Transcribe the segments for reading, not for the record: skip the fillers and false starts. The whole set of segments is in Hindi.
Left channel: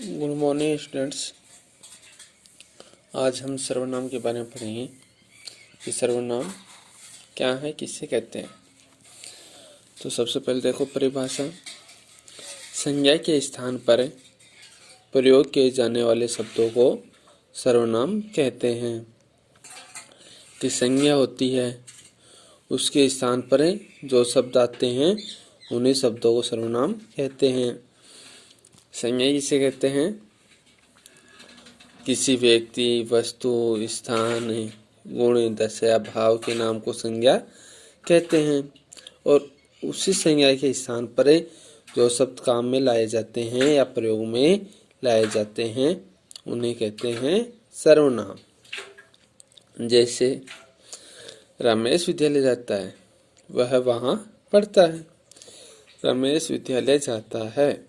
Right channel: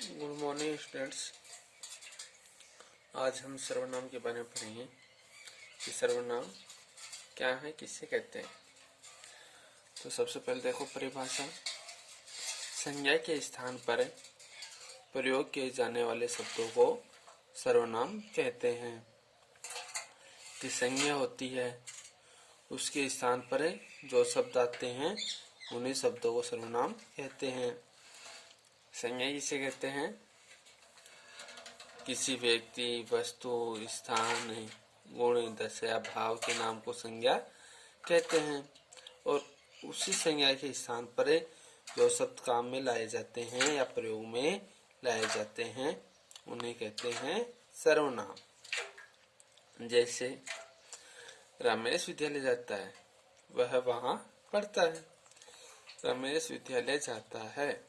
Good morning students. आज हम सर्वनाम के बारे में पढ़ेंगे कि सर्वनाम क्या है, किससे कहते हैं। तो सबसे पहले देखो परिभाषा। संज्ञा के स्थान पर प्रयोग किए जाने वाले शब्दों को सर्वनाम कहते हैं। कि संज्ञा होती है, उसके स्थान पर जो शब्द आते हैं उन्हीं शब्दों को सर्वनाम कहते हैं। संज्ञा किसे कहते हैं? किसी व्यक्ति, वस्तु, स्थान, गुण, दशा, भाव के नाम को संज्ञा कहते हैं। और उसी संज्ञा के स्थान पर जो शब्द काम में लाए जाते हैं या प्रयोग में लाए जाते हैं उन्हें कहते हैं सर्वनाम। जैसे रमेश विद्यालय जाता है, वह वहाँ पढ़ता है। रमेश विद्यालय जाता है।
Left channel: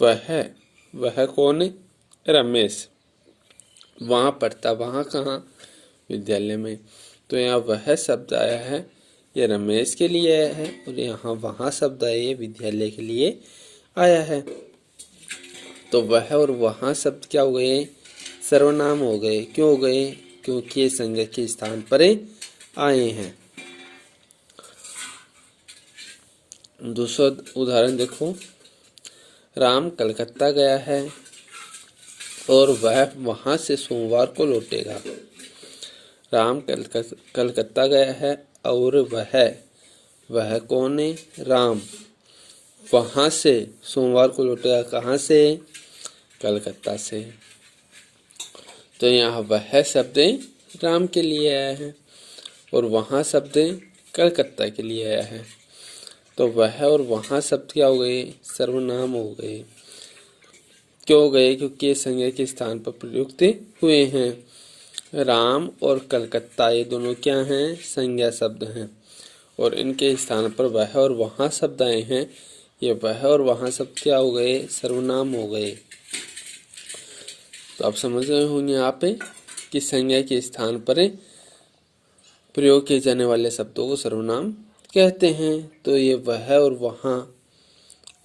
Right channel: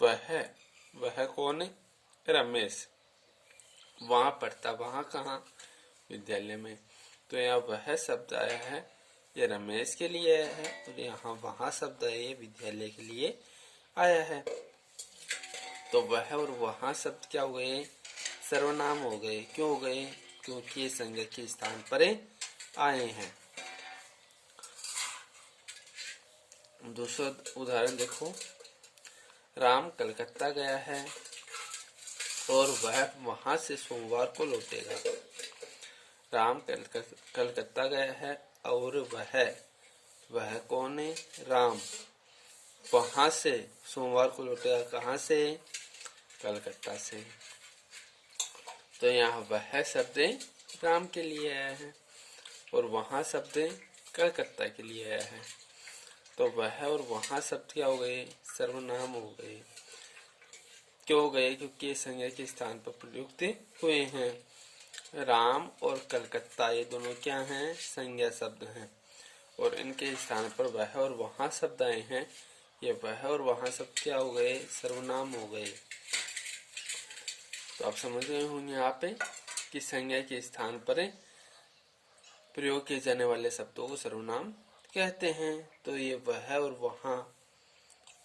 वह कौन है? रमेश। वहाँ पढ़ता, वहाँ कहाँ? विद्यालय में। तो यहाँ वह शब्द आया है, ये रमेश के लिए आया है, और यहाँ वहाँ शब्द आया, ये विद्यालय के लिए आया है। तो वह और वहाँ शब्द क्या हो गए? सर्वनाम हो गए। क्यों हो गए? क्योंकि ये संज्ञा के स्थान पर आए हैं। दूसरा उदाहरण देखो। राम कलकत्ता गया है और वह वहां से सोमवार को लौटेगा। राम कलकत्ता गया है और वह कौन है? राम। वहां से सोमवार को लौटेगा। कहाँ से? कलकत्ता से। तो यहाँ वह शब्द राम के लिए आया है और वहाँ शब्द कलकत्ता के लिए आया है। तो वह और वहाँ शब्द क्या हो गए? सर्वनाम हो गए। क्यों हो गए? क्योंकि ये संज्ञा के स्थान पर प्रयुक्त हुए हैं। राम और कलकत्ता ये दोनों क्या हैं? संज्ञा शब्द हैं, और इनके स्थान पर वह और वहाँ शब्द आए हैं। ये वह और वहाँ शब्द क्या हो गए? सर्वनाम हो गए। तो आप समझ गए होंगे यहाँ पे कि संज्ञा के स्थान पर प्रयोग किए जाने वाले शब्दों को सर्वनाम कहते हैं। तो ये वह और वहाँ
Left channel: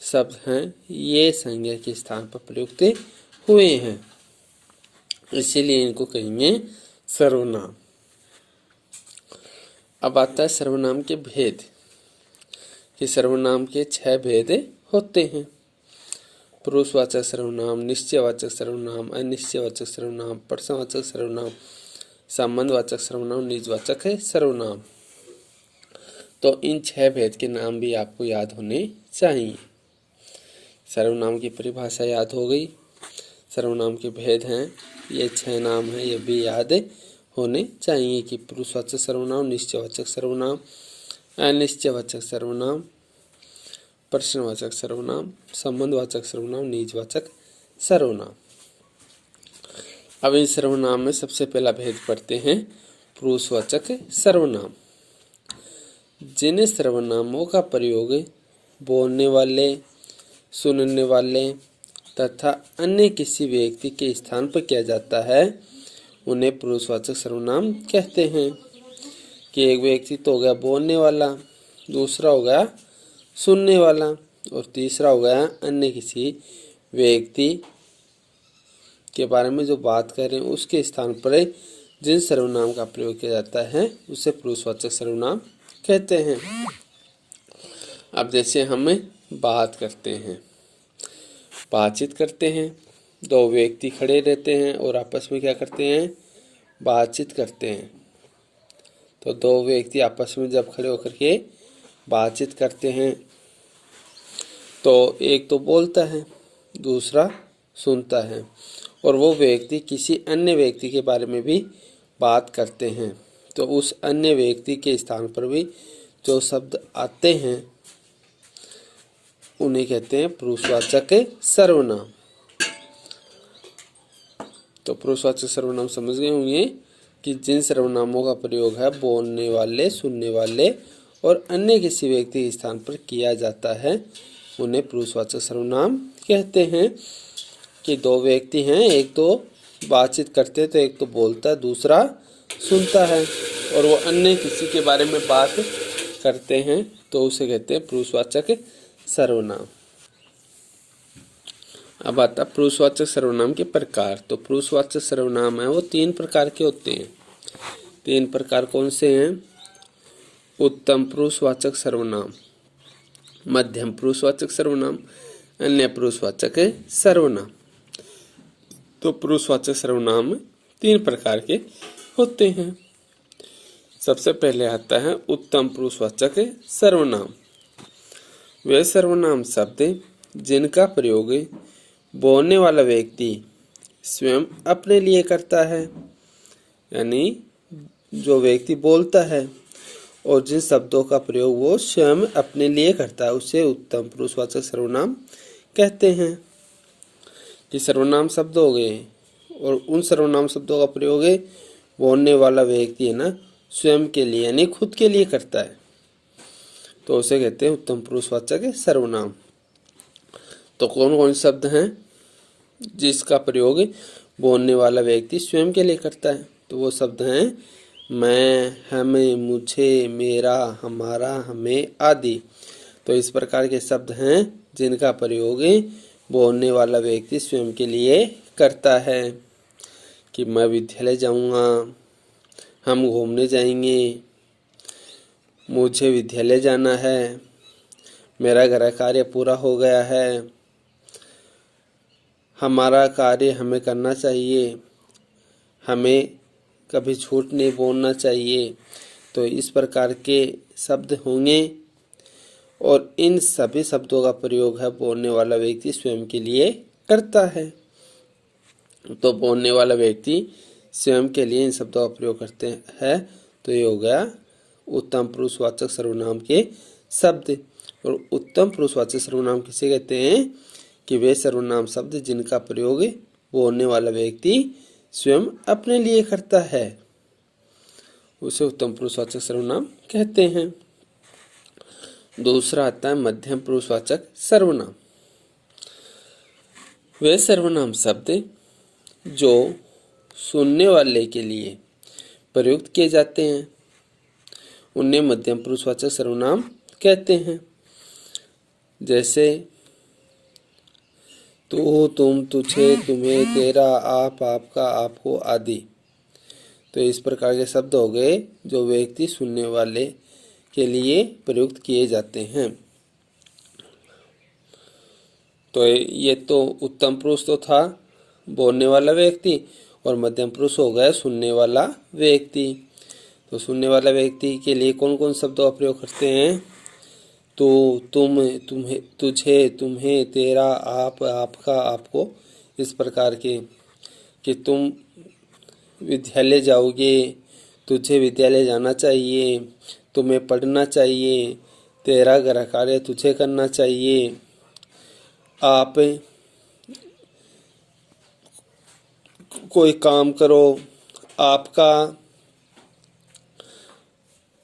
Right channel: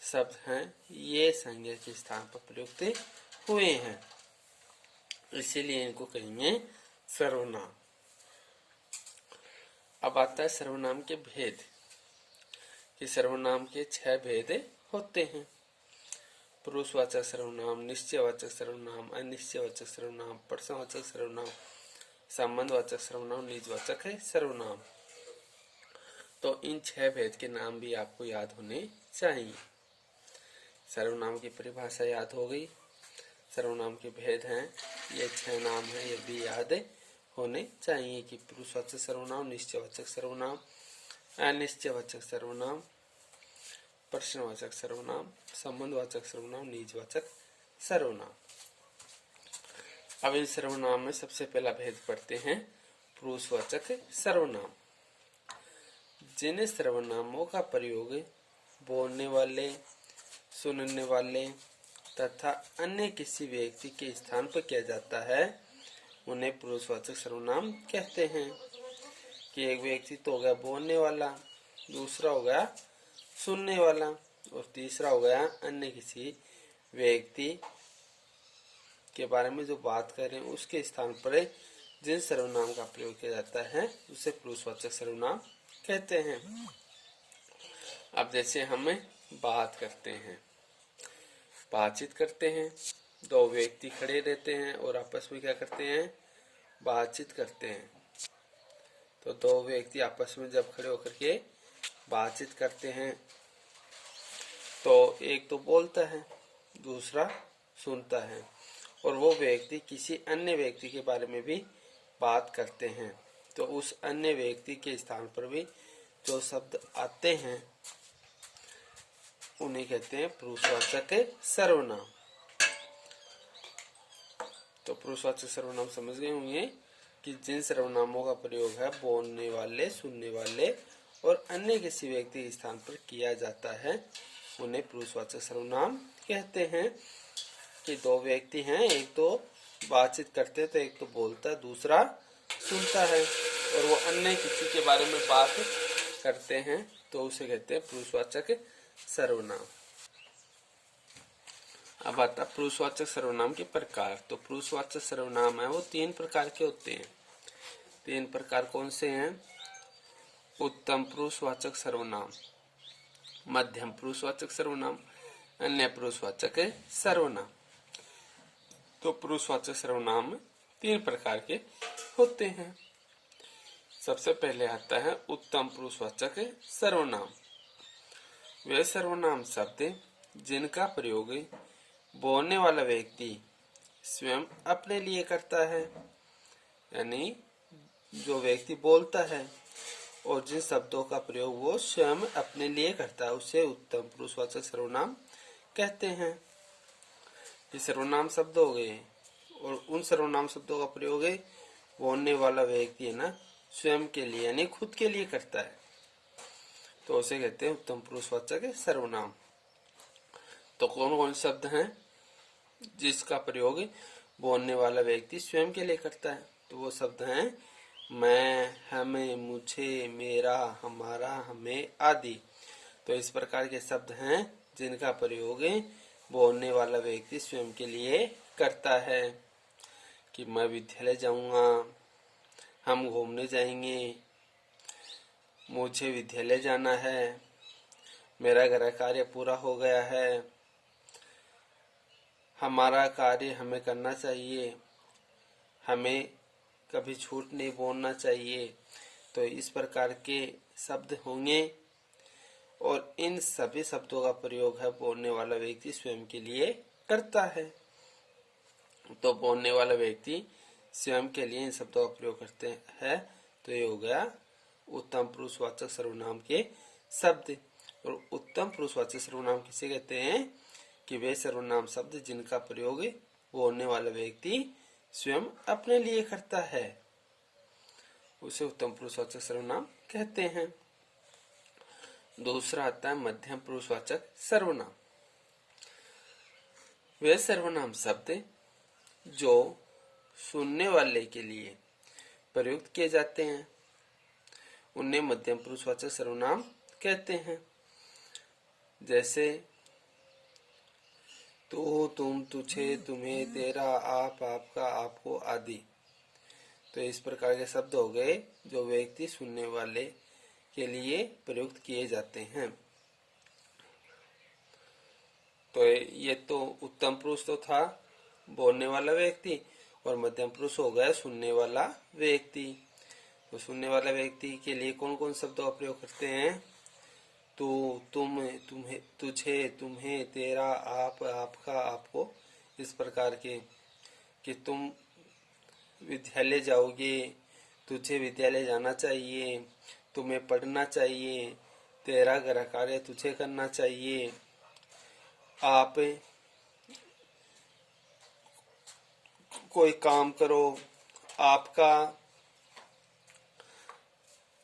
शब्द हैं, ये संज्ञा के स्थान पर प्रयुक्त हुए हैं, इसीलिए इनको कहेंगे सर्वनाम। अब आता है सर्वनाम के भेद। कि सर्वनाम के 6 भेद होते हैं। पुरुषवाचक सर्वनाम, निश्चयवाचक सर्वनाम, अनिश्चयवाचक सर्वनाम, प्रश्नवाचक सर्वनाम, संबंधवाचक सर्वनाम, निजवाचक सर्वनाम। तो इन 6 भेद के नाम भी आपको याद होने चाहिए। सर्वनाम की परिभाषा याद हो गई। सर्वनाम के भेद हैं, ये 6 नाम हैं, ये भी याद होने चाहिए। कि पुरुषवाचक सर्वनाम, निश्चयवाचक सर्वनाम, अनिश्चयवाचक सर्वनाम, प्रश्नवाचक सर्वनाम, संबंधवाचक सर्वनाम, निजवाचक सर्वनाम। अब इस सर्वनाम में सबसे पहला भेद पढ़ते हैं पुरुषवाचक सर्वनाम। जिन सर्वनामों का प्रयोग बोलने वाले, सुनने वाले तथा अन्य किसी व्यक्ति के स्थान पर किया जाता है उन्हें पुरुषवाचक सर्वनाम कहते हैं। कि एक व्यक्ति तो हो गया बोलने वाला, दूसरा हो गया सुनने वाला, और तीसरा हो गया अन्य किसी व्यक्ति के बारे में जो बात कर रहे हैं उसके स्थान पर जिन सर्वनाम का प्रयोग किया जाता है उसे पुरुषवाचक सर्वनाम कहते हैं। अब जैसे हम बात करते हैं, बातचीत करते हैं, 2 व्यक्ति खड़े रहते हैं और आपस में क्या करते हैं? बातचीत करते हैं। तो 2 व्यक्ति आपस में जब खड़े होकर के बातचीत करते हैं तो एक तो बोलता है, दूसरा सुनता है, और वो व्यक्ति किसी अन्य व्यक्ति के बारे में भी बात करते हैं। तो उस अन्य व्यक्ति के स्थान पर भी जो शब्द आते हैं उन्हें कहते हैं पुरुषवाचक सर्वनाम। तो पुरुषवाचक सर्वनाम समझ गए होंगे कि जिन सर्वनामों का प्रयोग है बोलने वाले, सुनने वाले और अन्य किसी व्यक्ति के स्थान पर किया जाता है उन्हें पुरुषवाचक सर्वनाम कहते हैं। कि 2 व्यक्ति हैं, एक तो बातचीत करते हैं तो एक तो बोलता है, दूसरा सुनता है, और वो अन्य किसी के बारे में बात करते हैं तो उसे कहते हैं पुरुषवाचक सर्वनाम। अब आता पुरुषवाचक सर्वनाम के प्रकार। तो पुरुषवाचक सर्वनाम है वो 3 प्रकार के होते हैं। 3 प्रकार कौन से हैं? उत्तम पुरुषवाचक सर्वनाम, मध्यम पुरुषवाचक सर्वनाम, अन्य पुरुषवाचक सर्वनाम। तो पुरुषवाचक सर्वनाम 3 प्रकार के होते हैं। सबसे पहले आता है उत्तम पुरुषवाचक सर्वनाम। वे सर्वनाम शब्द जिनका प्रयोग बोलने वाला व्यक्ति स्वयं अपने लिए करता है, यानी जो व्यक्ति बोलता है और जिन शब्दों का प्रयोग वो स्वयं अपने लिए करता है उसे उत्तम पुरुषवाचक सर्वनाम कहते हैं। कि सर्वनाम शब्द हो गए और उन सर्वनाम शब्दों का प्रयोग बोलने वाला व्यक्ति है ना स्वयं के लिए यानी खुद के लिए करता है, तो उसे कहते हैं उत्तम पुरुषवाचक सर्वनाम। तो कौन कौन शब्द हैं जिसका प्रयोग बोलने वाला व्यक्ति स्वयं के लिए करता है? तो वो शब्द हैं मैं, हमें, मुझे, मेरा, हमारा, हमें आदि। तो इस प्रकार के शब्द हैं जिनका प्रयोग बोलने वाला व्यक्ति स्वयं के लिए करता है। कि मैं विद्यालय जाऊंगा, हम घूमने जाएंगे, मुझे विद्यालय जाना है, मेरा घर कार्य पूरा हो गया है, हमारा कार्य हमें करना चाहिए, हमें कभी झूठ नहीं बोलना चाहिए। तो इस प्रकार के शब्द होंगे और इन सभी शब्दों का प्रयोग है बोलने वाला व्यक्ति स्वयं के लिए करता है। तो बोलने वाला व्यक्ति स्वयं के लिए इन शब्दों का प्रयोग करते हैं। तो ये हो गया उत्तम पुरुषवाचक सर्वनाम के शब्द। और उत्तम पुरुषवाचक सर्वनाम किसे कहते हैं? कि वे सर्वनाम शब्द जिनका प्रयोग बोलने वाला व्यक्ति स्वयं अपने लिए करता है उसे उत्तम पुरुषवाचक सर्वनाम कहते हैं। दूसरा आता है मध्यम पुरुषवाचक सर्वनाम। वे सर्वनाम शब्द जो सुनने वाले के लिए प्रयुक्त किए जाते हैं उन्हें मध्यम पुरुषवाचक सर्वनाम कहते हैं। जैसे तू, तुम, तुझे, तुम्हें, तेरा, आप, आपका, आपको आदि। तो इस प्रकार के शब्द हो गए जो व्यक्ति सुनने वाले के लिए प्रयुक्त किए जाते हैं। तो ये तो उत्तम पुरुष तो था बोलने वाला व्यक्ति और मध्यम पुरुष हो गया सुनने वाला व्यक्ति। तो सुनने वाला व्यक्ति के लिए कौन कौन शब्दों का प्रयोग करते हैं? तो, तुम, तुम्हें, तुझे, तुम्हें, तेरा, आप, आपका, आपको। इस प्रकार के कि तुम विद्यालय जाओगे, तुझे विद्यालय जाना चाहिए, तुम्हें पढ़ना चाहिए, तेरा घर कार्य तुझे करना चाहिए, आप कोई काम करो,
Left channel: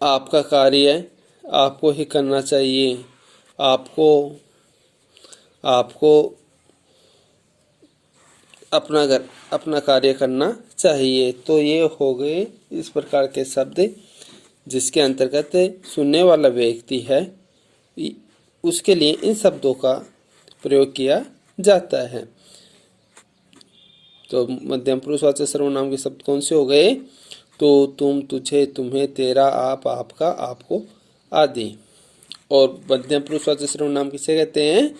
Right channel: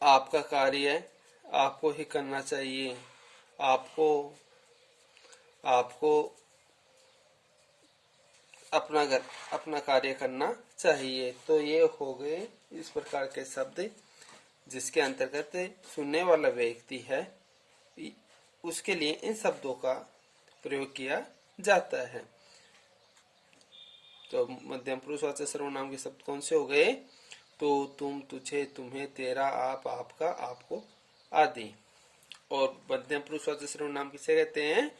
आपका कार्य आपको ही करना चाहिए, आपको अपना कार्य करना चाहिए। तो ये हो गए इस प्रकार के शब्द जिसके अंतर्गत सुनने वाला व्यक्ति है उसके लिए इन शब्दों का प्रयोग किया जाता है। तो मध्यम पुरुषवाचक सर्वनाम के शब्द कौन से हो गए? तो, तुम, तुझे, तुम्हें, तेरा, आप, आपका, आपको आदि। और मध्यम पुरुषवाचक सर्वनाम किसे कहते हैं?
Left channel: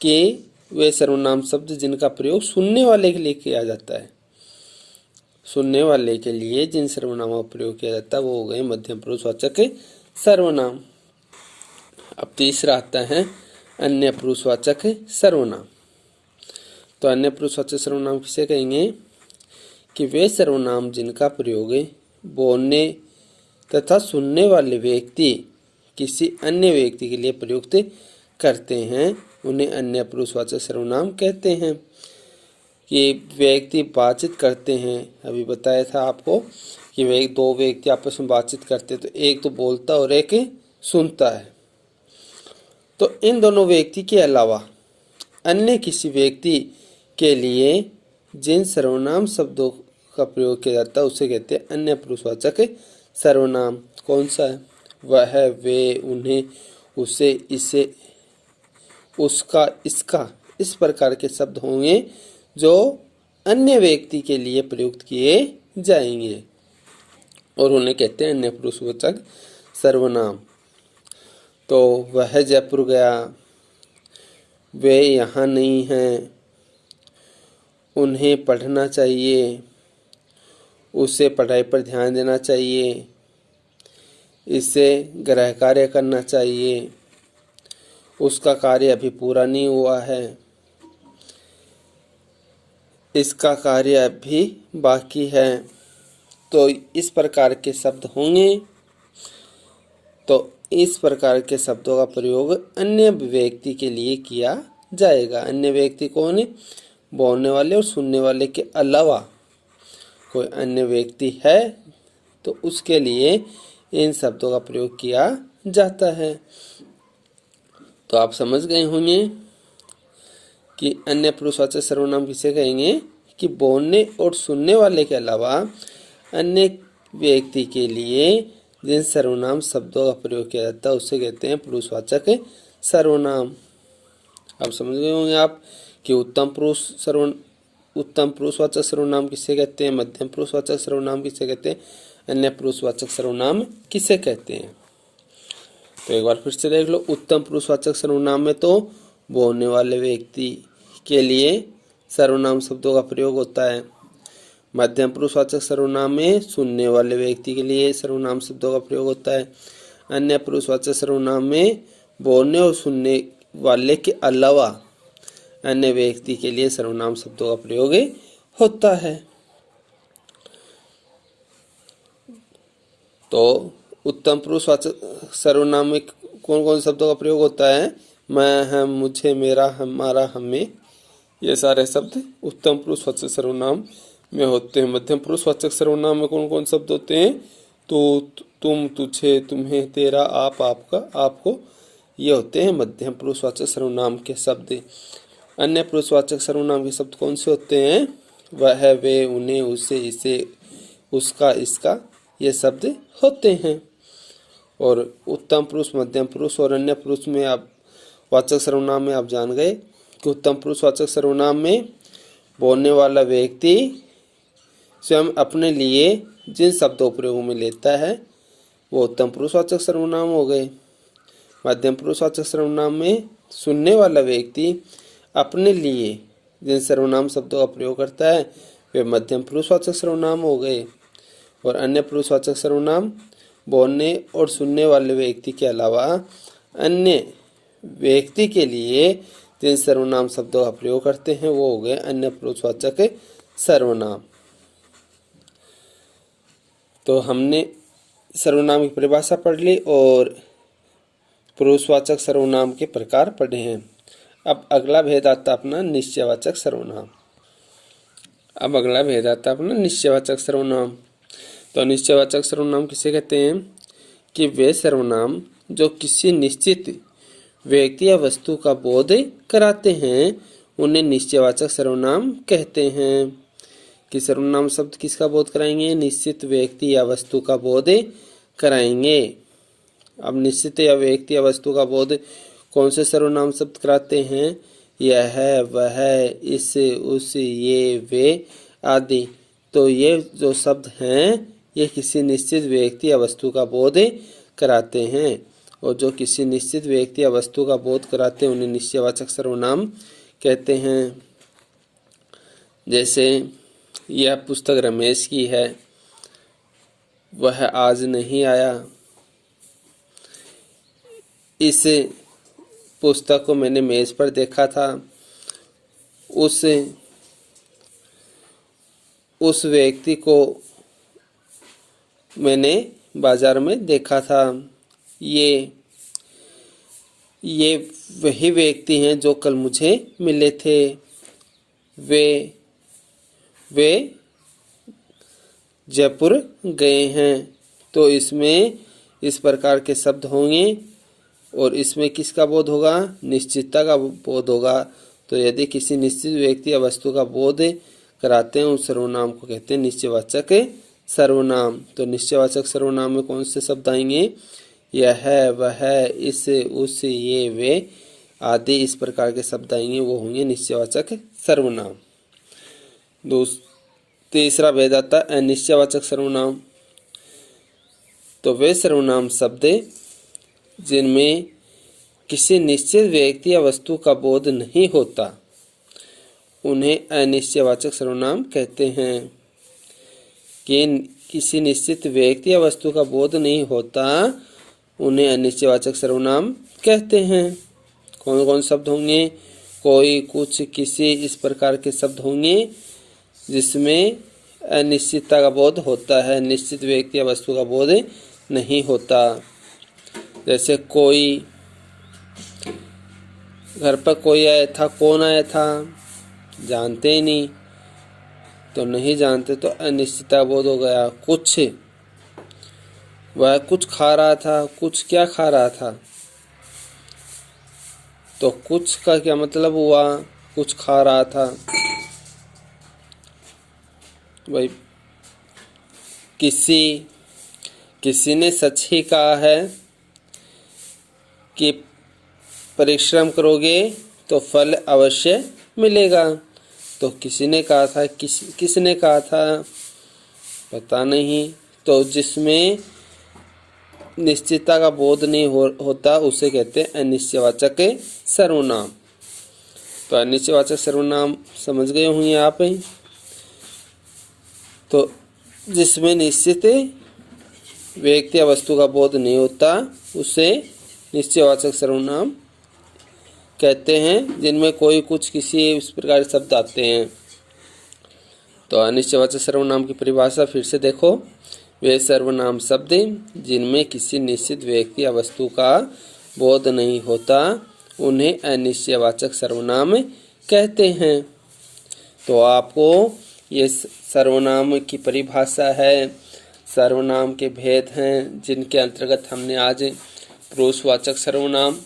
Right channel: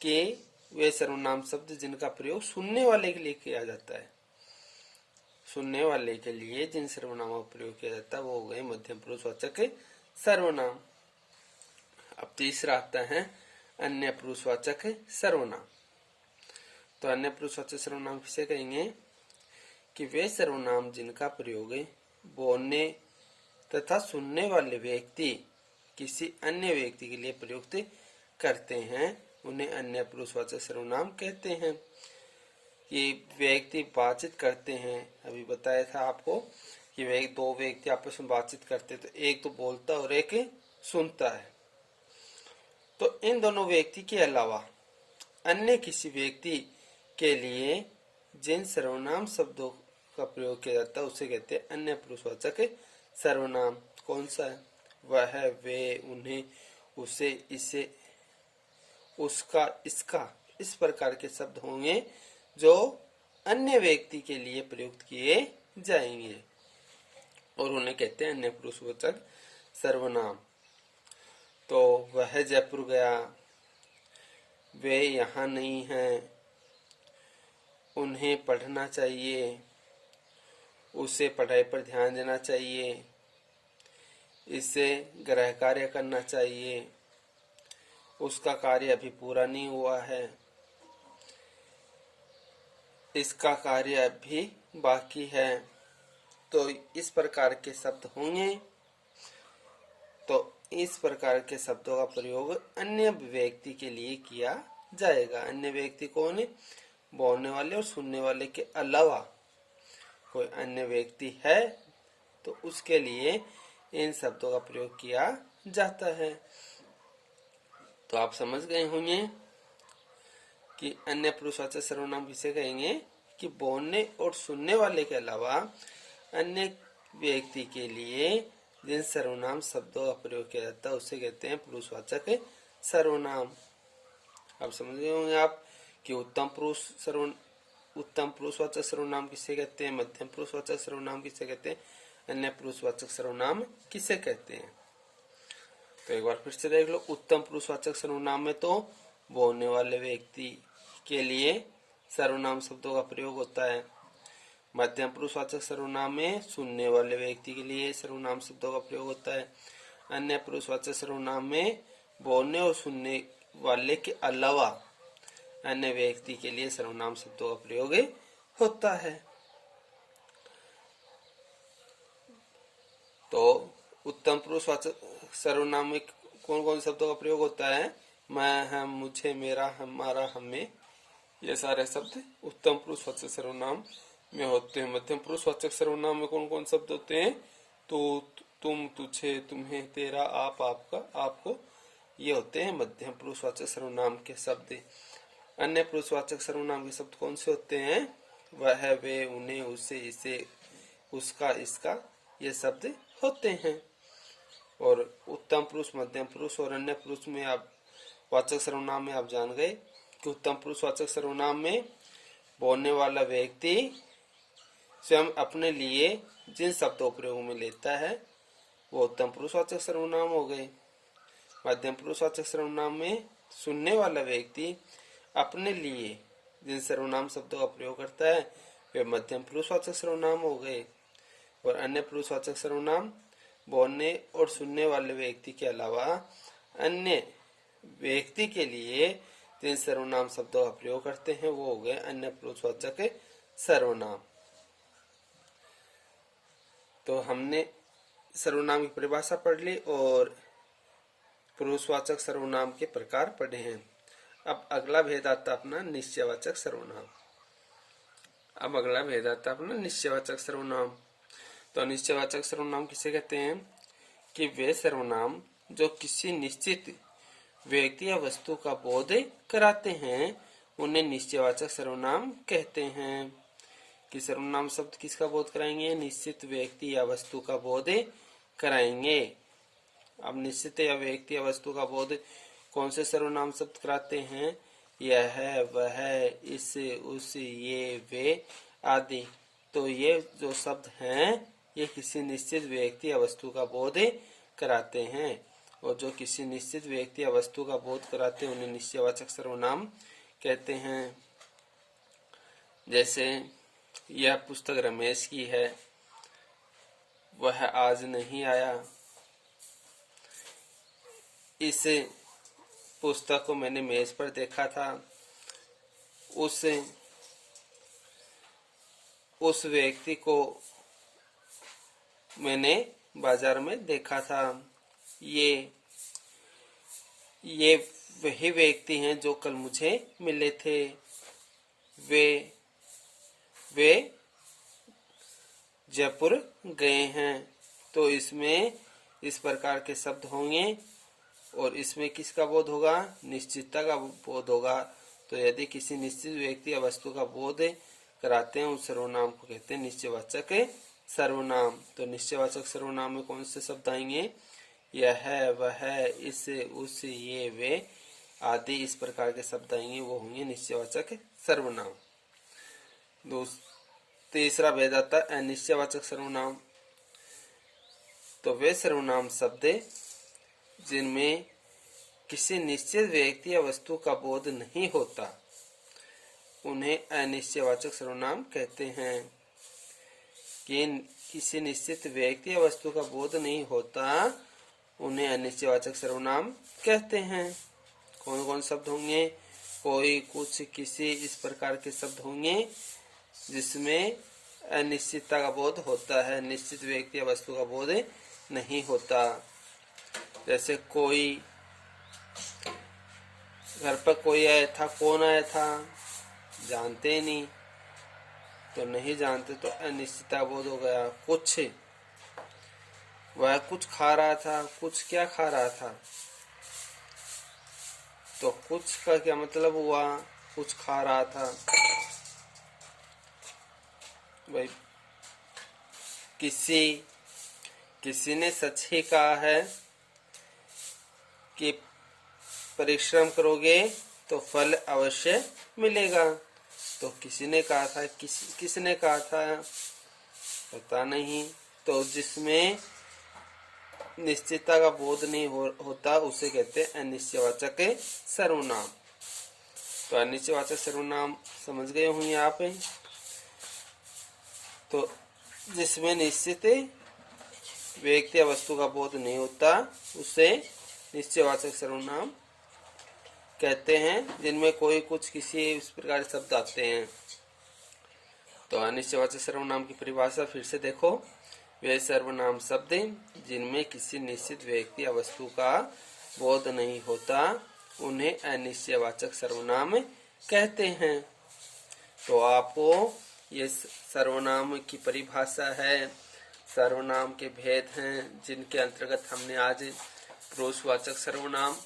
कि वे सर्वनाम शब्द जिनका प्रयोग सुनने वाले के लिए किया जाता है। सुनने वाले के लिए जिन सर्वनामों का प्रयोग किया जाता है वो हो गए मध्यम पुरुषवाचक सर्वनाम। अब तीसरा आता है अन्य पुरुषवाचक सर्वनाम। तो अन्य पुरुषवाचक सर्वनाम किसे कहेंगे? कि वे सर्वनाम जिनका प्रयोग बोलने तथा सुनने वाले व्यक्ति किसी अन्य व्यक्ति के लिए प्रयुक्त करते हैं उन्हें अन्य पुरुषवाचक सर्वनाम कहते हैं। कि व्यक्ति बातचीत करते हैं, अभी बताया था आपको कि दो व्यक्ति आपस में बातचीत करते हैं तो एक तो बोलता और एक सुनता है। तो इन दोनों व्यक्ति के अलावा अन्य किसी व्यक्ति के लिए जिन सर्वनाम शब्दों का प्रयोग किया जाता है उसे कहते हैं अन्य पुरुषवाचक सर्वनाम। कौन सा है? वह, वे, उन्हें, उसे, इसे, उसका, इसका, इस प्रकार के शब्द होंगे जो अन्य व्यक्ति के लिए प्रयुक्त किए जाएंगे और उन्हें कहते हैं अन्य पुरुषवाचक सर्वनाम। तो वह जयपुर गया, वे यहाँ नहीं हैं, उन्हें पढ़ना चाहिए, उसे पढ़ाई पर ध्यान देना चाहिए, इसे गृह कार्य करना चाहिए, उसका कार्य अभी पूरा नहीं हुआ है, इसका कार्य अभी बाकी है। तो इस प्रकार के शब्द होंगे। तो इस प्रकार के शब्दों का प्रयोग अन्य व्यक्ति के लिए किया जाएगा। अन्य व्यक्ति कौन है? बोलने वाले और सुनने वाले के अलावा कोई अन्य व्यक्ति है तो उसके लिए इन शब्दों का प्रयोग किया जाता है। तो आप समझ गए होंगे कि अन्य पुरुषवाचक सर्वनाम किसे कहेंगे कि बोलने और सुनने वाले के अलावा अन्य व्यक्ति के लिए जिन सर्वनाम शब्दों का प्रयोग किया जाता है उसे कहते हैं पुरुषवाचक सर्वनाम। आप समझ गए होंगे आप कि उत्तम पुरुषवाचक सर्वनाम किसे कहते हैं, मध्यम पुरुषवाचक सर्वनाम किसे कहते हैं, अन्य पुरुषवाचक सर्वनाम किसे कहते हैं। तो एक बार फिर से देख लो। उत्तम पुरुषवाचक सर्वनाम में तो बोलने वाले व्यक्ति के लिए सर्वनाम शब्दों का प्रयोग होता है। मध्यम पुरुषवाचक सर्वनाम में सुनने वाले व्यक्ति के लिए सर्वनाम शब्दों का प्रयोग होता है। अन्य पुरुषवाचक सर्वनाम में बोलने और सुनने वाले के अलावा अन्य व्यक्ति के लिए सर्वनाम शब्दों का प्रयोग होता है। तो उत्तम पुरुषवाचक सर्वनाम में कौन कौन शब्दों का प्रयोग होता है? मैं, हम, मुझे, मेरा, हमारा, हमें, ये सारे शब्द उत्तम पुरुषवाचक सर्वनाम में होते हैं। मध्यम पुरुषवाचक सर्वनाम में कौन कौन शब्द होते हैं? तो, तुम, तुझे, तुम्हें, तेरा, आप, आपका, आपको, ये होते हैं मध्यम पुरुषवाचक सर्वनाम के शब्द। अन्य पुरुषवाचक सर्वनाम के शब्द कौन से होते हैं? वह, वे, उन्हें, उसे, इसे, उसका, इसका, ये शब्द होते हैं। और उत्तम पुरुष, मध्यम पुरुष और अन्य पुरुष में आप वाचक सर्वनाम में आप जान गए कि उत्तम पुरुषवाचक सर्वनाम में बोलने वाला व्यक्ति स्वयं अपने लिए जिन शब्दों प्रयोग में लेता है वो उत्तम पुरुषवाचक सर्वनाम हो गए। मध्यम पुरुषवाचक सर्वनाम में सुनने वाला व्यक्ति अपने लिए जिन सर्वनाम शब्दों का प्रयोग करता है वे मध्यम पुरुषवाचक सर्वनाम हो गए। और अन्य पुरुषवाचक सर्वनाम बोलने और सुनने वाले व्यक्ति के अलावा अन्य व्यक्ति के लिए जिन सर्वनाम शब्दों का प्रयोग करते हैं वो हो गए अन्य पुरुषवाचक सर्वनाम। तो हमने सर्वनाम की परिभाषा पढ़ ली और पुरुषवाचक सर्वनाम के प्रकार पढ़े हैं। अब अगला भेद आता अपना निश्चयवाचक सर्वनाम। निश्चयवाचक सर्वनाम। तो निश्चयवाचक सर्वनाम किसे कहते हैं कि वे सर्वनाम जो किसी निश्चित व्यक्ति या वस्तु का बोध कराते हैं उन्हें निश्चयवाचक सर्वनाम कहते हैं। कि सर्वनाम शब्द किसका बोध कराएंगे? निश्चित व्यक्ति या वस्तु का बोध कराएंगे। अब निश्चित या व्यक्ति या वस्तु का बोध कौन से सर्वनाम शब्द कराते हैं? यह, वह, इस, उस, ये, वे आदि। तो ये जो शब्द हैं ये किसी निश्चित व्यक्ति या वस्तु का बोध कराते हैं और जो किसी निश्चित व्यक्ति या वस्तु का बोध कराते हैं उन्हें निश्चयवाचक सर्वनाम कहते हैं। जैसे यह पुस्तक रमेश की है, वह आज नहीं आया, इस पुस्तक को मैंने मेज पर देखा था, उस व्यक्ति को मैंने बाजार में देखा था। ये वही व्यक्ति हैं जो कल मुझे मिले थे। वे जयपुर गए हैं। तो इसमें इस प्रकार के शब्द होंगे और इसमें किसका बोध होगा? निश्चितता का बोध होगा। तो यदि किसी निश्चित व्यक्ति या वस्तु का बोध कराते हैं उस सर्वनाम को कहते हैं निश्चयवाचक सर्वनाम। तो निश्चयवाचक सर्वनाम में कौन से शब्द आएंगे? यह, वह, इस, उस, ये, वे आदि इस प्रकार के शब्द आएंगे वो होंगे निश्चयवाचक सर्वनाम। तीसरा भेद आता है अनिश्चयवाचक सर्वनाम। तो वे सर्वनाम शब्द जिनमें किसी निश्चित व्यक्ति या वस्तु का बोध नहीं होता उन्हें अनिश्चयवाचक सर्वनाम कहते हैं। कि किसी निश्चित व्यक्ति या वस्तु का बोध नहीं होता उन्हें अनिश्चयवाचक सर्वनाम कहते हैं। कौन कौन शब्द होंगे? कोई, कुछ, किसी, इस प्रकार के शब्द होंगे जिसमें अनिश्चितता का बोध होता है, निश्चित व्यक्ति या वस्तु का बोध नहीं होता। जैसे कोई, घर पर कोई आया था, कौन आया था? जानते ही नहीं, तो नहीं जानते तो अनिश्चितता बोध हो गया। कुछ, वह कुछ खा रहा था, कुछ क्या खा रहा था? तो कुछ का क्या मतलब हुआ? कुछ खा रहा था। भाई किसी ने सच ही कहा है कि परिश्रम करोगे तो फल अवश्य मिलेगा। तो किसी ने कहा था, किसने कहा था पता नहीं। तो जिसमें निश्चितता का बोध नहीं होता उसे कहते हैं अनिश्चयवाचक सर्वनाम। तो अनिश्चयवाचक सर्वनाम समझ गए होंगे आप। तो जिसमें निश्चित व्यक्ति या वस्तु का बोध नहीं होता उसे निश्चयवाचक सर्वनाम कहते हैं। जिनमें कोई, कुछ, किसी इस प्रकार शब्द आते हैं। तो अनिश्चयवाचक सर्वनाम की परिभाषा फिर से देखो। वे सर्वनाम शब्द जिनमें किसी निश्चित व्यक्ति या वस्तु का बोध नहीं होता उन्हें अनिश्चयवाचक सर्वनाम कहते हैं। तो आपको ये सर्वनाम की परिभाषा है, सर्वनाम के भेद हैं जिनके अंतर्गत हमने आज पुरुषवाचक सर्वनाम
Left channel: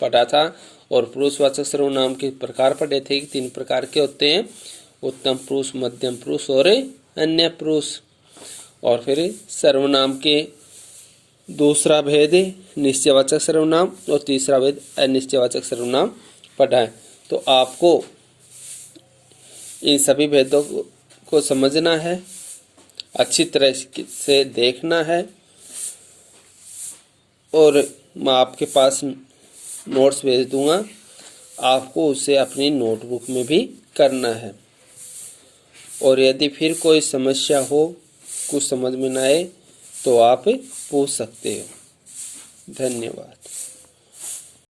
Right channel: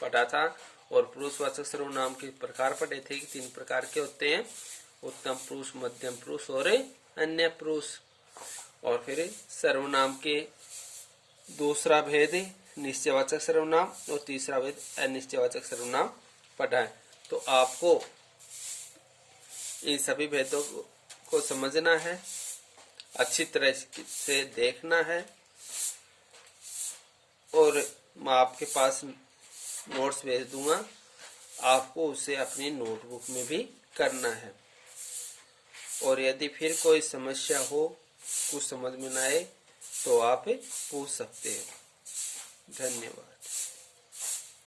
पढ़ा था और पुरुषवाचक सर्वनाम के प्रकार पढ़े थे कि 3 प्रकार के होते हैं, उत्तम पुरुष, मध्यम पुरुष और अन्य पुरुष। और फिर सर्वनाम के दूसरा भेद निश्चयवाचक सर्वनाम और तीसरा भेद अनिश्चयवाचक सर्वनाम पढ़ा है। तो आपको इन सभी भेदों को समझना है, अच्छी तरह से देखना है और मैं आपके पास नोट्स भेज दूंगा, आपको उसे अपनी नोटबुक में भी करना है। और यदि फिर कोई समस्या हो, कुछ समझ में ना आए तो आप पूछ सकते हो। धन्यवाद।